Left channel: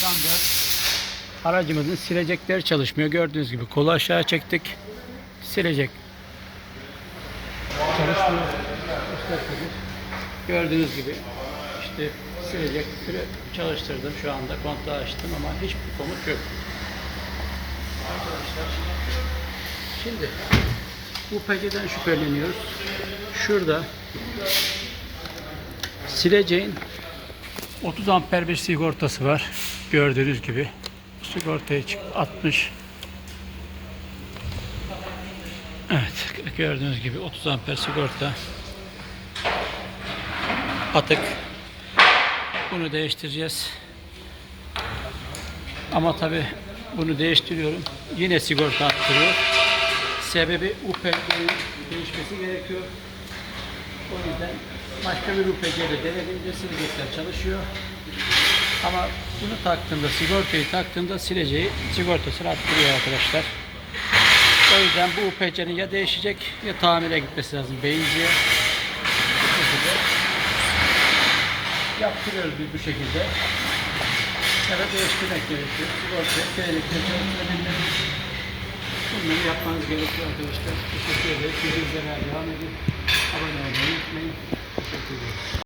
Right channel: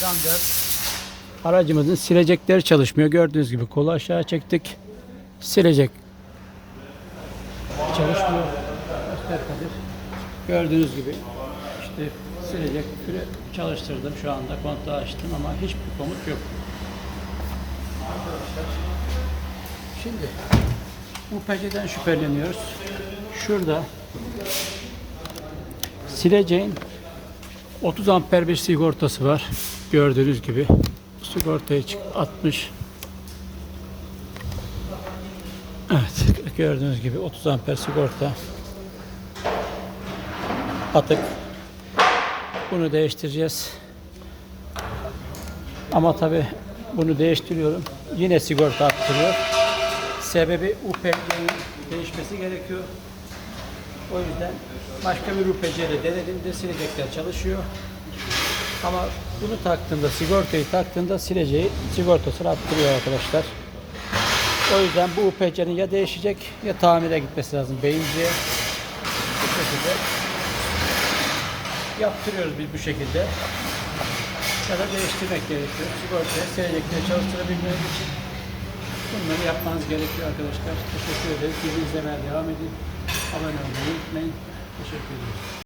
Adam Aracımızın silecekleri çalışmıyor. Gördüğünüz gibi kolu aşağı çektik. Silecek çalışmıyor. Gördüğünüz gibi işte silecek çalıştırdım şu anda kontağı açtım ama hiçbir komut yok. Şimdi UPC'den şüpheleniyoruz. Şurada sileceğin 30 amper bir sigortası var. Gördüğünüz gibi. Sigortayı atmış. Evet gördüğünüz gibi 30 amper sigorta atık. Bunu değiştireceğiz. Ama tabi bunu değiştiriyorum. Yine sigorta attırıyor. Sebebi UPC'nin değişmesi gerekiyor. O yüzden başka bir UPC ile denediğimde silecekler çalışıyor. Ama bunu taktığında, sigortayı taktığında sileceği sigortasını attırıyor arkadaşlar. O yüzden bu UPC'nin ya değişecek ya tamire gitmesi lazım beyinciye. Bu şekilde yaptırıyoruz biz bu şekilde. Ya da değiştirmek gerekiyor. Sigortayı seyrekle çalıştırabilmek Bunları yapmanız gerekiyor arkadaşlar. Teşekkür ederiz. Bizi izlemeye devam edin. Amém.